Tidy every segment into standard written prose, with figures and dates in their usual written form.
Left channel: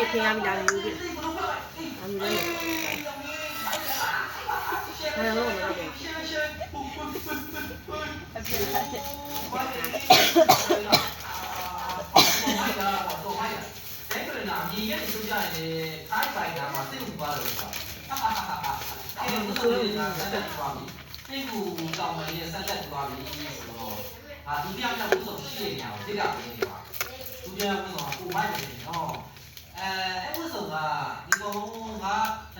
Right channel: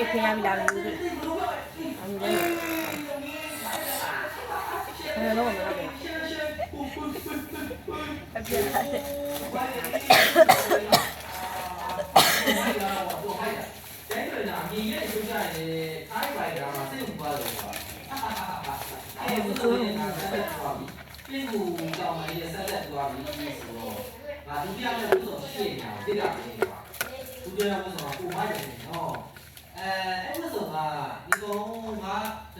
မေခင်ရပြီလားလို့ဒီအမေလည်းမလို့မလို့你也就这样的，他一般干嘛？这种不了的。这不是那三代不阿弥，这不到我们的三代不阿弥的时候，啊，都这样的无所事业这两个人吧，都这样无所不买的哦。哎，为什么？你讲他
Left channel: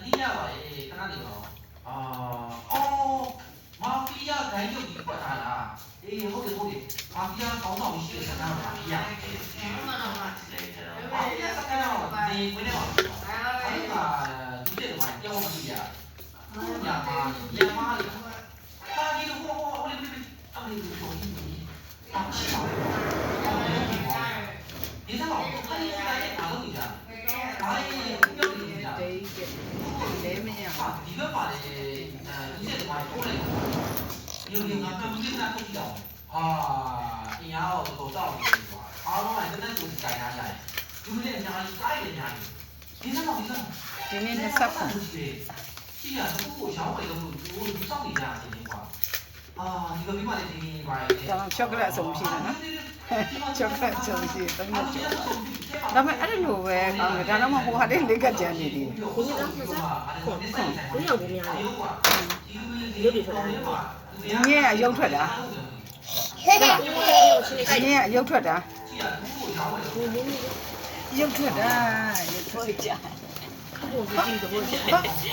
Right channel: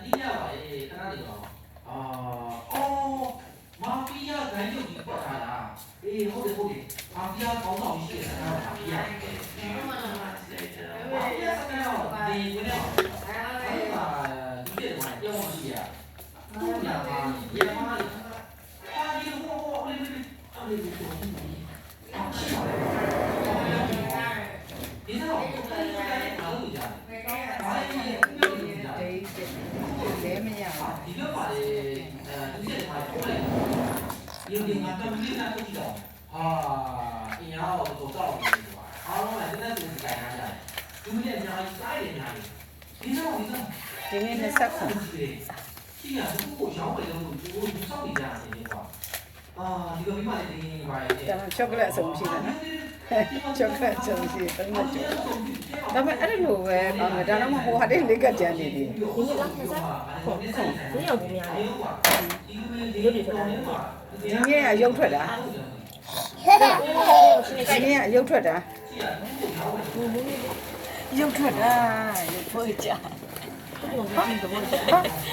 你家话的，跟哪里个？马菲亚咱就比过他啦。好的，马菲亚搞到一些啥样马菲亚？马菲亚啥样？你回来嘛？他你这的话，要么是呀，不呀嘛，也嘛的。他你我说你，啊，是嘛？你看我，他你家也哪个有家？哪里公交有家？ဒီကပါလေဒီချက်မှာပို့လိုက်ရုံငါကမင်းနာကိုကြည့်တော့အင်းအားတော့တော့တော့အားလုံးကတနက်ဆိုကြိုင်ရကြတယ်ဒီလိုအများကြီးစားရညာကြီးဒီနေ့20ခုရှိရဘူးကိုရှောင်းတယ်လို့ဒီစောင့်နေကြတယ်ကွာဒီကမိမလေးဒီပါလေ ချောကလက်အစုံရှိတယ်နော်ချောကလက်အစုံရှိတယ်3နှစ်ကျော်ဒါပေမဲ့အဲ့လိုပဲကောင်းတယ်ဒါတော့မှဟိုဟာလေးလေးကကြမ်းနေသေးတယ်ဒီနေ့လားမစားဟုတ်ဒီရောက်နေရတယ်ဒီလိုဖြစ်လာတယ်ဒီနေ့အယုတ်ထွက်တာဒီနေ့အယုတ်ထွက်တာရုပ်ထွက်တာရုပ်ထွက်ကြဟာ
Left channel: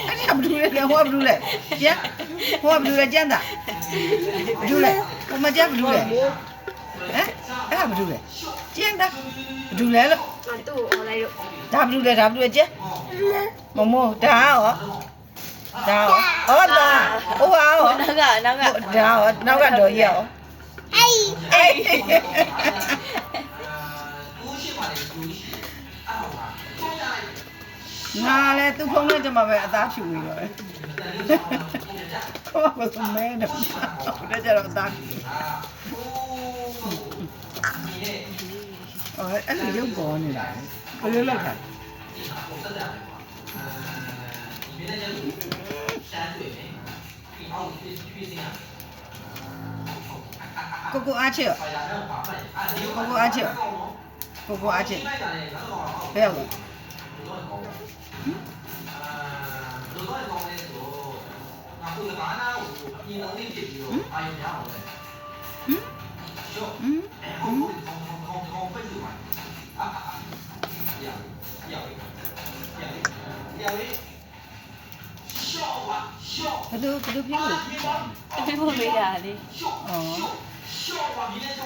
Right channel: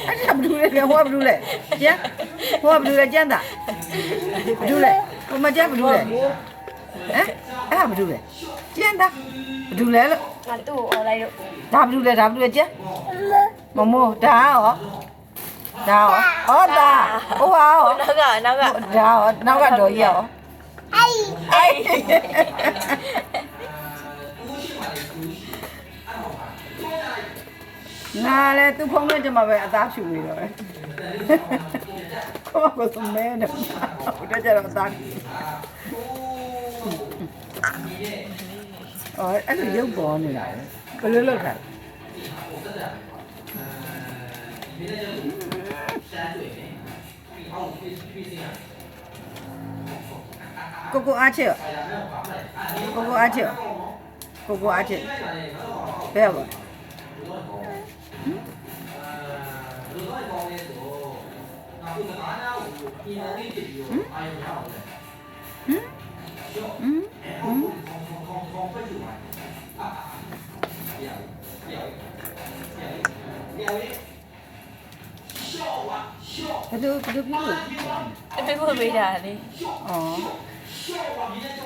အဲ့ဒါဘယ်လိုလဲဟိုကဘယ်လိုလဲကျန်ဟိုကဘယ်လိုလဲကျန်တာဘယ်လိုလဲဟိုမကျန်ဘယ်လိုလဲဟမ်အဲ့ဒါဘယ်လိုလဲကျန်တာဘယ်လိုလဲလို့ငါသူ့ကိုអော်လိုက်လို့ဒါဘယ်လိုလဲဒါဘယ်လိုလဲကျန်မမိုးဒါရောဒါရောဟောဒါဟိုဟာရောနောက်ကဒါရောနောက်ကတော်ကြီးရောအေးငါလည်းသူ့ဖုန်းနဲ့ကျမပဲအသားဖြူနေတော့ဟိုကစမဲတယ်ဟိုတကြတော့အသားဖြူအဲ့လိုရုပ်ပေါ်နေတာဘယ်လိုလုပ်ခိုင်းကိုအားချစ်ကိုအားချစ်ကိုအားချစ်ဘယ်လိုဘယ်လိုဖြစ်လို့ပြေဖို့ပေးတာလေ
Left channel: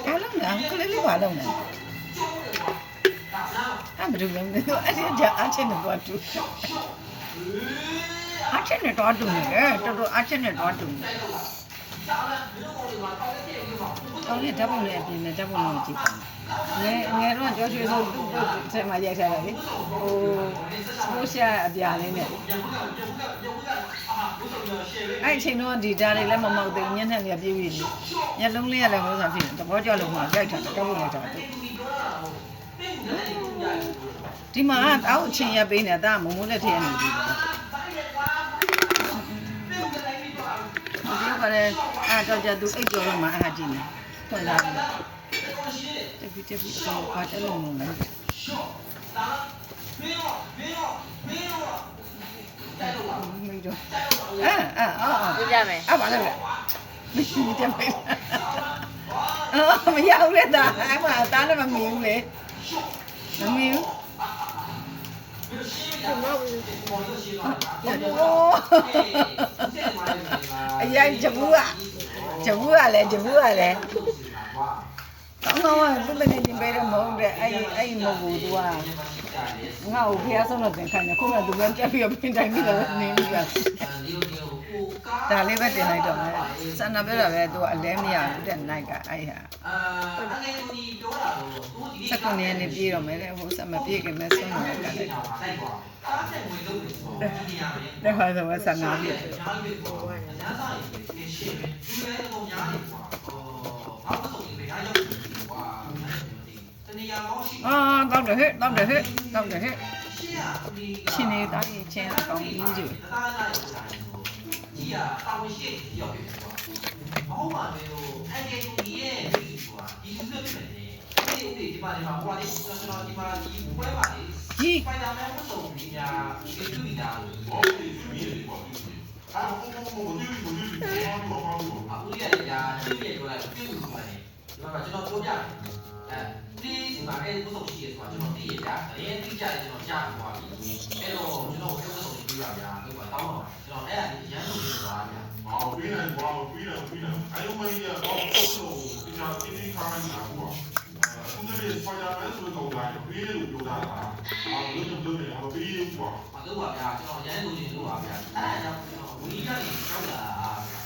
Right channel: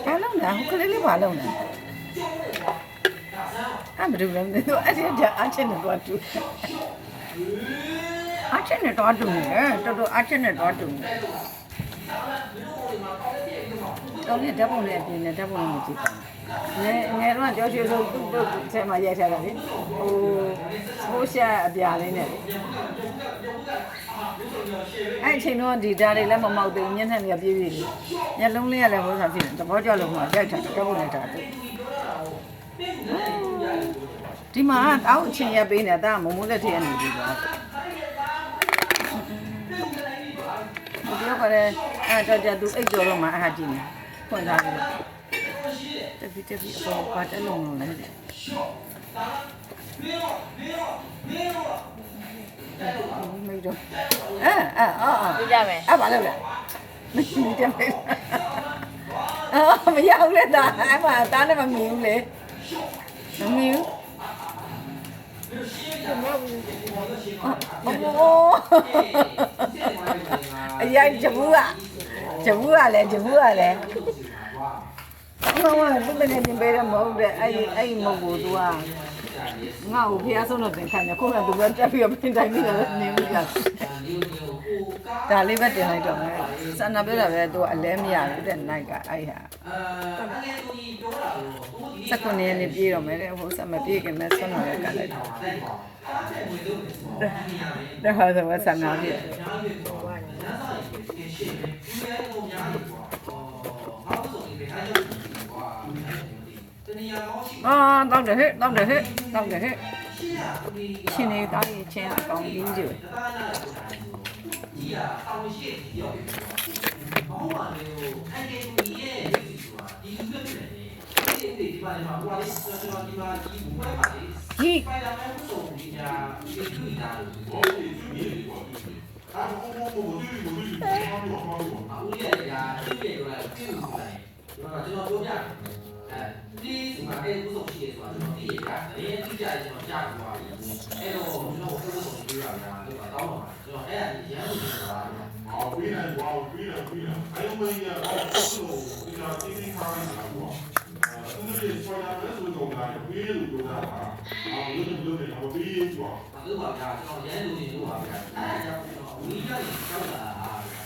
ဘာလုံးလဲခလေးလေးဘာလုံးလဲအဲ့ဘယ်လိုလဲအဲ့ဒီအချင်းနဲ့တော့တူအချင်းနဲ့တော့တူနေတော်တော်အချင်းနဲ့တော့တူနေတော်ရဓာတ်ပုံလေးအပြင်နဲ့ဓာတ်ပုံလေးကြည့်ပါငယ်တော့ကြောက်ရွှေဆိုသူ့ဆယ်မှာရိုက်ထားတာလေဟိုရှာအပြာလေးနဲ့လေအဲ့အချိန်တော့ဒီဓာတ်တွေလည်းမမောက်သေးဘူးညှက်နဲ့ပြေးပြေးလေးညလုံးလေးကလည်းဟိုစားဖြစ်တယ်သဘောကျလို့မှရိုက်ထားတယ်ဓာတ်ပုံလေးထားတယ်ဒီမှာအောက်အချင်းရပေးနေတာမမိုးလက်ထည့်ရနေပြီပါဒီတော့ကလည်းအဲ့တော့ကြသူအိတ်ကြော်တော့မှအဲ့ဒါကြည့်နေဖွင့်လာပြီတက်ပြီအကောင်ပါတက်လုံးလုံးလည်းမေးတော့ပြကြမယ်အဲ့ဘာလဲလဲမတက်မေးမရဘူးလေဒါအဲ့မှာတားနဲ့မမီဘူးလေမမီဘူးအရင်ဂျဘူးကလည်းကောင်းသူမနေနေပဲမဟုတ်တဲ့အဲ့မဟုတ်ဘူးသူကငါ့ကိုဖျားဆုံးလို့သင်ခိုင်းတယ်ခုနကသူကတက်ပြီးပြင်တိုင်းပြီးတော့နေပြီးပြဒါလေးပဲတင်လိုက်တော့မယ်စန္ဒပြောတာပဲသူကအလဲမရဘူးတဲ့နိုင်ကအဲ့ဟာစက္ကန့်နေပြေးတော့မယ်တဲ့ဟိုစမပြေးခင်မဲ့ဆုံးလို့ကလိုက်တယ်ဒါဟာဆိုဆန္ဒပြတောက်တယ်ဟဲ့ ချင်းနေတော့ချင်းအကောင်ကြီးကျိုး ဒီကတောင်းရှိတဲ့ရောက်ပြီဆိုတော့ဘာမှမလို့အဲ့ဒီလူကြီးရဲ့နေဆိုတာဒီလူမျိုးတွေနဲ့ဒီမှာဟိုလေးကျွန်တော်ဒီမှာဒီဘွဲပါလေဖိုင်နာမယ်ကိုဆိုဒီညာဒီလူကြီးတာလို့ဒီလူကြီးတွေပေါ့အဲ့တော့ဘုံဘုံဒီလူကြီးတွေအားဦးရရဒီရဲ့တော့ဒီလူကြီးတွေဒီမှာကျွန်တော်ပြောပြတယ်အဲဒီဒီမှာအဲ့ကိုဆိုရှိရဆိုတာကျွန်တော်သိရတာအရင်သိကြတယ်ကျွန်တော်ကြားပြီးသွားပြီအဲ့တော့ကျွန်တော်ကိုဆိုပြီးပြောရတာလို့ပါတောင်းပါကျွန်တော်အဲ့ဒါရမ်းလို့ပြောတာ ပြီးတယ်ဘာလို့ပြီးတယ်အဲ့လိုမျိုးကတော့ဒီကတီးတီးခိုင်းနေတာပေါ့အခုတည်းဖိုင်နယ်ဆိုတော့ဒါပြီးလို့ပြောတာဟာဘယ်လိုလုပ်လဲဘာပြီးပေါ့ မလုပ်ပါဗျာကျွန်တော်ရမ်းလို့နေလို့ပါဗျာအဲ့ဒါကြောင့်ဝီးကနေကြောက်လာ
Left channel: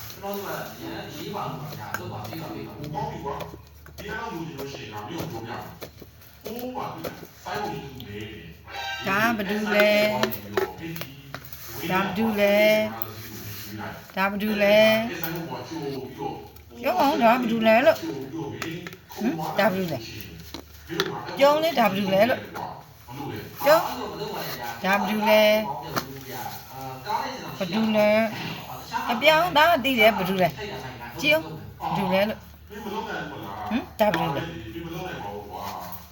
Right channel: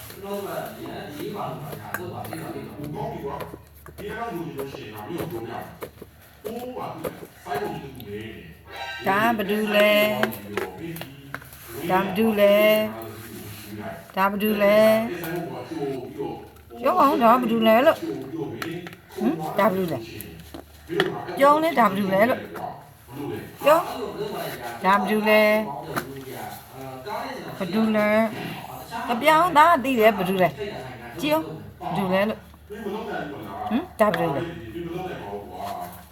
ကျွန်တော်ကရမ်းရေးပါလို့ဗျာလုပ်ပါပြီးတော့ပြီးတော့ တော့ဒီကွာဒီအဲ့လိုမျိုးရှိတာမျိုးပြောတာဟိုပါဖိုင်လို့နေတယ် ဒါဘာတူလဲဒါဘာတူလဲဒါဘာတူလဲပြောအောင်ဒါဘာတူလဲလို့ဒါဘာတူလဲပြောလဲဒါဘာတူလဲလို့ပြောဒါဘာတူလဲဘာတူလဲအပြောင်းဒါသိတယ်ဘာတူလဲကြည့်အောင်ဘာတူလဲလို့ဒါဘာတူလဲ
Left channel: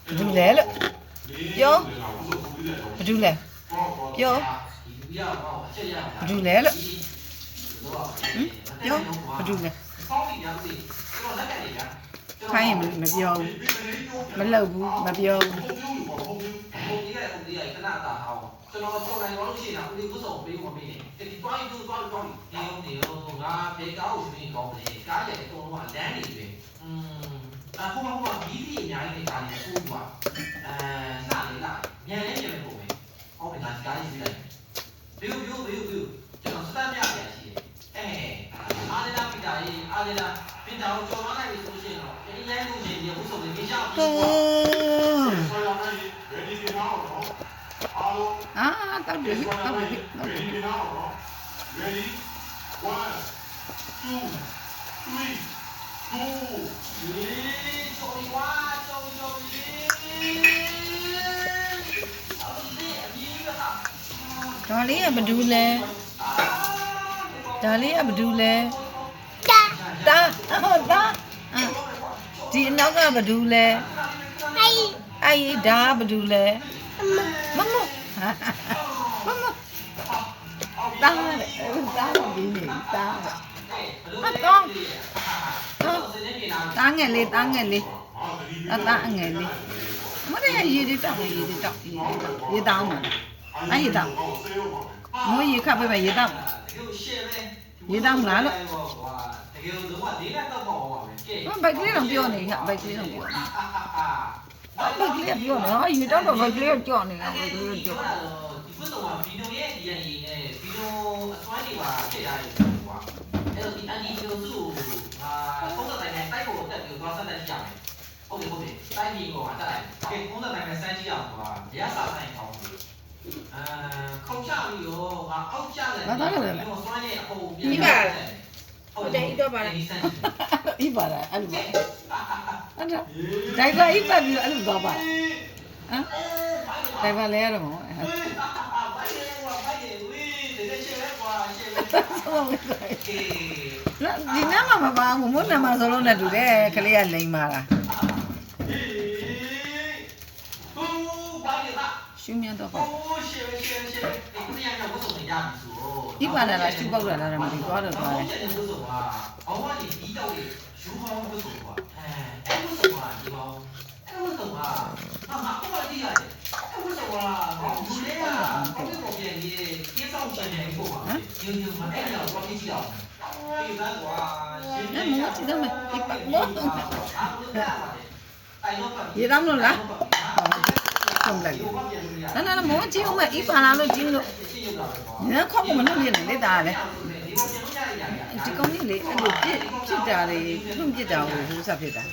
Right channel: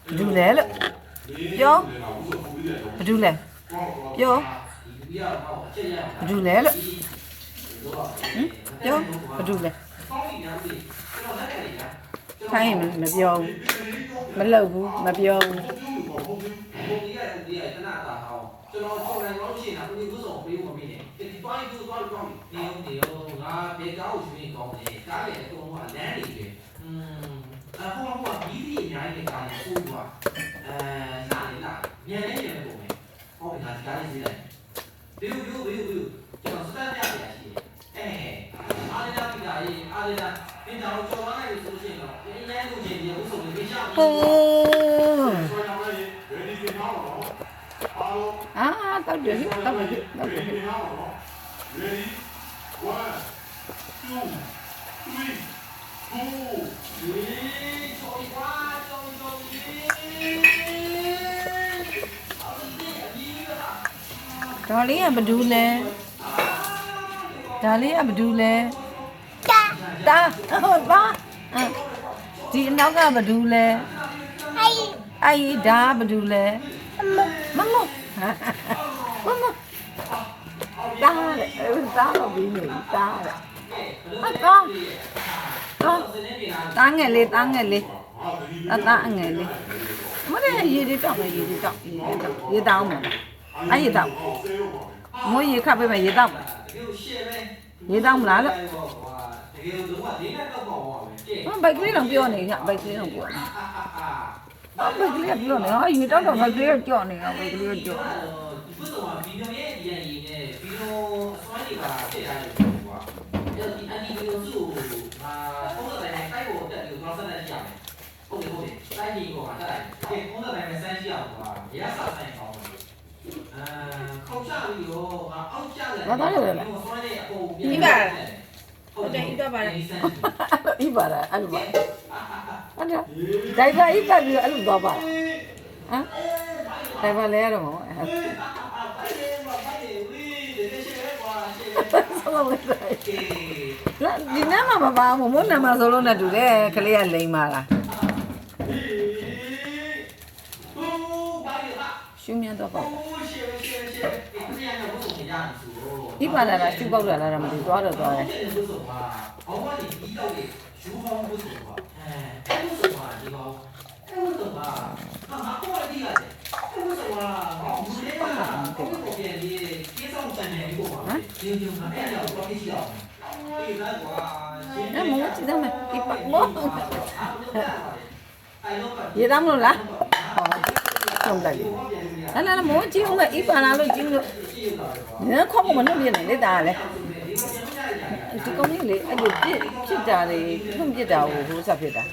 ဘာတူလဲလို့ပြောဘာတူလဲပြောဘာတူလဲလို့ပြောဘာတူလဲခိုင်းမပြောဘူးမလုပ်ဘူးမပြောဘူး ပုံကြီးရဲ့ပုံကြီးရဲ့ခဏတာအောင်ကျွန်တော်ကြော်လိုက်တော့ရှိနေတာဦးလေးဥဆောင်ပေးဖို့မပြီးနဲ့ဒီတွိုင်းတို့တွိုင်းနေရောငါဘေကားကိုပြင်ကောင်းတယ်ကားရဲ့အကုန်လုံးကလမ်းနေပဲဟိုဒီဒီအများကြီးကားနေဆိုးသွားနားလေလားညနေညနေပုံပဲဟုတ်ပြီငါကားလေးပြလိုက်ဘီကျွန်တော်စတတ်ပြရတယ်ရှိတယ်အားလေးလားပြတာရေးအားလေးလားပြင်တာကိုကြော်သွားလိုက်လို့ဆိုရှင်တော့လဲလို့ချင်းဒီဥဆောင်လေးပြချအောင် ready to now အားလုံး အာတောက်တယ်တောက်တယ် ready now ready 1 2 3 go ဒါလေးကဘာတူလဲဒါလေးကဘာတူလဲတာဟုတ်ပါဒီအနောက်ကဘာတူလဲအဲ့ဒါဘာတူလဲမမတားလေတားမပြီးနေတားအကောင်းတားငယ်လေးတားငယ်လေးတားငယ်လေးမရရေတွေတောက်မယ်ရေတောက်မှာအဲ့ရေတောက်မိုးရေခပ်ပေးမယ်ရေတောက်ရေတောက်မလားလို့ဘိုက်ကလေးတော့ပြောနေညဘိုက်ကလေးတော့ပြောနေဘိုက်ကလေးပြောနေဟာရေတောက်တော့ဘိုက်ကလေးကြော့နေတာဘိုက်ကလေးကြော့ ဒီကုသကဗီဒီယိုရဲ့ဒီရည်နဲ့ဗီဒီယိုအစွမ်းကြီးပါဖြစ်တာလေကွာအဲ့တော့ဒီအန်ဒီဗီဒီယိုစုပုံစံတိုင်းတိုက်ပေါ်တက်ပြီးတော့ဆက်တက်ကြည့်ရမယ်ဟုတ်တယ်တိုင်းကြီးကိုတက်လိုက်ကဲပုံစံတိုင်းပဲစမ်းကြည့်အောင်ကွာရရစာဆိုင်အောင်ခုံချပြီးတော့အောက်ကျတယ်ဘာသာလဲလဲစွမ်းရဲ့အပေါ်ပြီးပါဟုတ်တယ်ဤတော့ပါဤပါလားအဲ့လိုပါအဲ့ဒါဒိုင်ဘာဤပါပြီးတော့အဲ့လိုသွားပါလားဟမ်ဒိုင်ဘာလဲရတော့ဆောင်းလိုက်ဒီနားမှာမပါဘူးမို့နားမှာဆိုလို့နဲ့တူတယ်ခလေးကလိမ့်ပါလားရှုမြတ်တော့ပါဤပါလားရှုပေါက်တာလားမသိသွားတော့သွားတယ်အော်ဟိုဒီတော့ရေယူဟောင်းကိုဆိုပါအဲ့လိုဆိုတာဒီကောင်အဲ့လိုဆိုတာဟာကိုယ်တည်းရတယ်အဲ့လိုဆိုတာဘူးလေကကိုယ်ကိုပြန်ရေးကိစ္စအောင်ဆိုင်နေပြီပေါ့ကွာဒီမှာအဲ့ဒါကိုကြည့်ကြည့်အောင်ဒီကကွာအဲ့မိုးကြည့်တော့မယ်ဒီပတ်မိုးရေတောင်းလို့လားဟုတ်လိုက်လေနာမိုးကြည့်ဦးမယ်ဤပါလားလို့ကြည့်လို့ညခေါက်မလို့ပြနေလေတာလေဒီကောင်ကြီးလေအဲ့လိုဖြစ်တာလေလွန်ပြစ်တာကိုဟိုးဆက်ဖြစ်တာ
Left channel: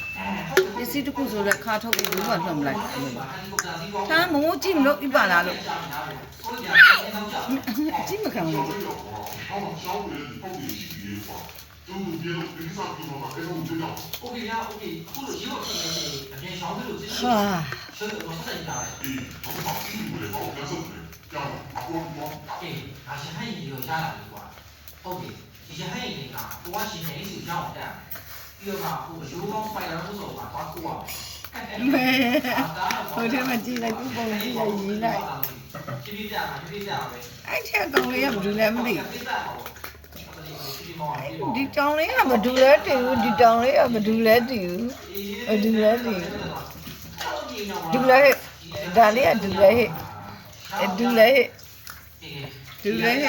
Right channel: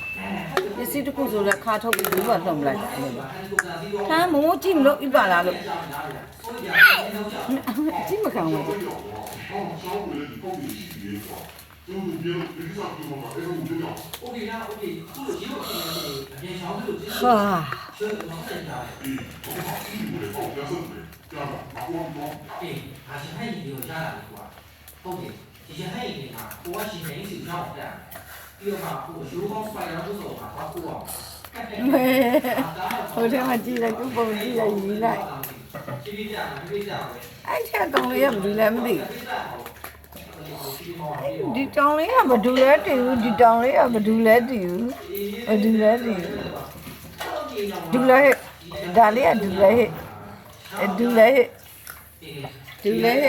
ပစ္စည်းတစ်ခုဆိုလဲခါထုတ်ပြီးဘူးကလွန်မလိုက်တာအဲ့လိုထားမိုးကြည့်မလို့ဤပါလားလို့ကြည့်မခံဘူးဟာ哦，两手指，这样的，啊，我我。诶，啊，是很有家长的话，好的，以前很有啊，我是很少讲的，有嘛，我手工摆点不错嘛，他过啊。ဟိုထဲမှာကြည့်လိုက်သူ့ပုံကြည့်လိုက်ရေးလိုက် ပြပြပြမှာပြပြပြပဲ အဲ့ထက်ကောင်လေးကဘာလို့လဲမသိဒီတောင်လေးကဘာလို့လဲတူဒီတောင်လေးကဘာလို့လဲတူဘာလို့လဲတူဒူလဲဒါလေးကဒူလဲဟဲ့ဒူလဲဟဲ့ဒူလဲဟဲ့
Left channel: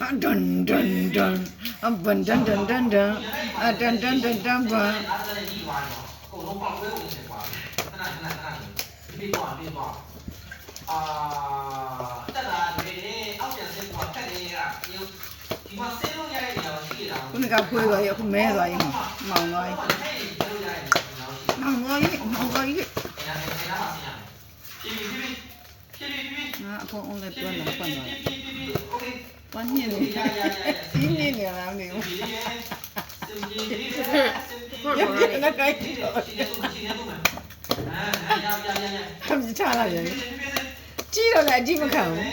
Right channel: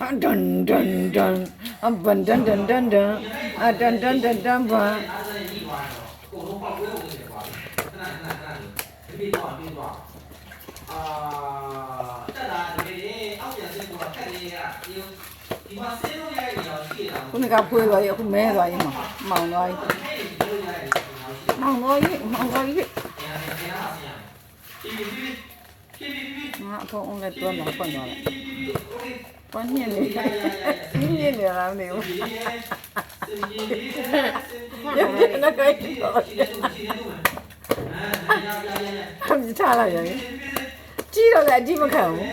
ဒန်ဒန်ဒန်အဘန်ဒန်ဒန်ဒန်ဒန်အဒန်ဒန်ဒန်ဒန်ဘာ ကိုလုံးပေါက်ဝဲဝင်နေကွာခဏပြသွားတက်တာဒီလေအောက်ပြန်စစ်ကွာတက်နေရဒီမှာဆင်းလို့ရတဲ့နေရာရှိတာ ခုနကဖွေးသွားရခုမဲသွားရင်မောင်သွားရင်မောင်သွားရင်မောင်သွားရင်ငါအဖုံးအောင်လည်းတွန်းတော့ဖွင့်သွားလိုက်တွန်းညင်းနေညင်းနေလာနေဘူးရပြနေကြိုက်တော့ခမချလာရတယ်ကြည့်တော့လည်းအကြည့်မခံဘူး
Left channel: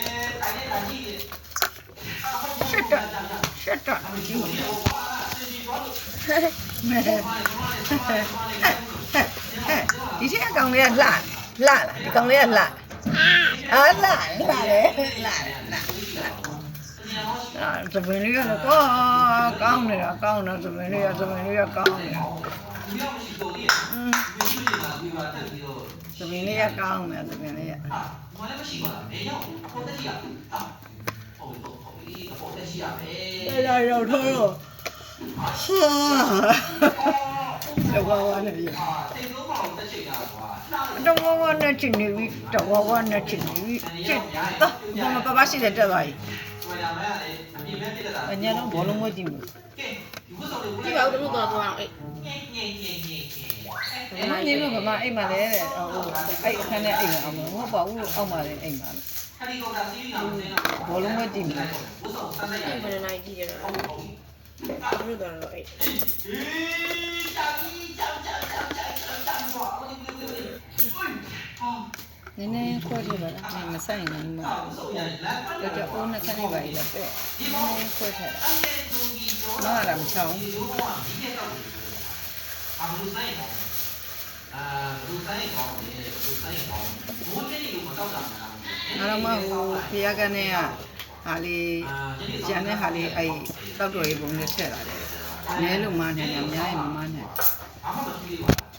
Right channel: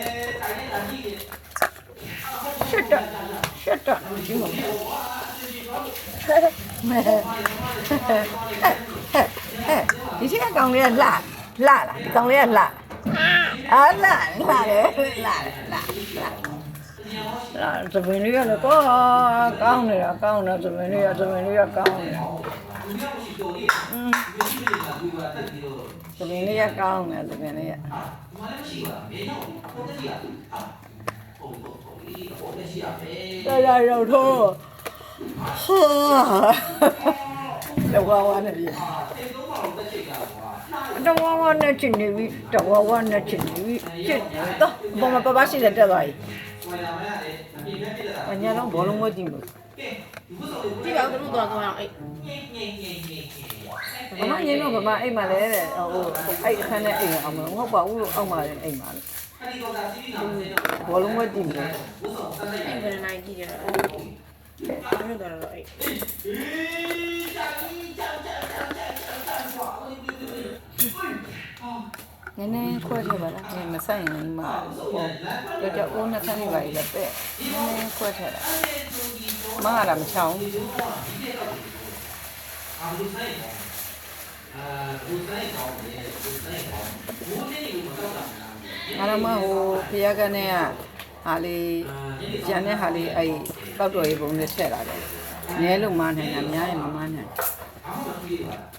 ရှက်တော့ကြည့်မခံမဲဒီချက်ကကောင်လေးကလှလားဒီကောင်လေးကလှအားလှတယ်သပင်လေးကလည်းကောင်းနေတာသပင်လေးကကောင်းနေတာသပင်လေးကကောင်းနေတာသပင်လေးကလာရောက်တော့တော့ဝါနေပြီတော့ဝါနဲ့ချင်နေပြီတော့ဝါနဲ့ချင်နေပြီချစ်တော့ဘာမှပပရှိတဲ့တက်သွားပြီအညာတော့ဘောလုံးမကြည့်ဘူးကြည့်ပါဦးတို့တော့သွားအေး ဘာမှငင်းတော့ဘာမှအိမ်မှာလဲတဲ့ဟိုအဲ့အခန်းနဲ့အိမ်အောင်မဟုတ်ပါဘူးလို့အောက်မှာလည်းအိမ်မှာဘောလုံးမကြည့်ဘူး အဲ့ဘယ်နိုင်ကြည့်ကြတော့တို့တော့အေး နည်းနည်းခွဲထည့်ပါလားမဆိုင်ရင်မဟုတ်တော့အိုးနှစ်ခါနေပါလေတဲ့နည်းနည်းခွဲထည့်မဟာလာမချောင်း ဘူးဆိုင်ဘူးဆိုင်ကောင်းတယ်ဘူးဆိုင်ကောင်းဘူးနေလို့မတော့တာလား ငါတော့မဟိုဖျားကနေကဟာလေးကျန်တဲ့ဟာလေးအဲ့တောက်တော်ရေးပုံနဲ့ထည့်လာတယ်နဲလို့မနိုင်တာအများကြီးမမနိုင် ဘာမှမကြည့်ဘူး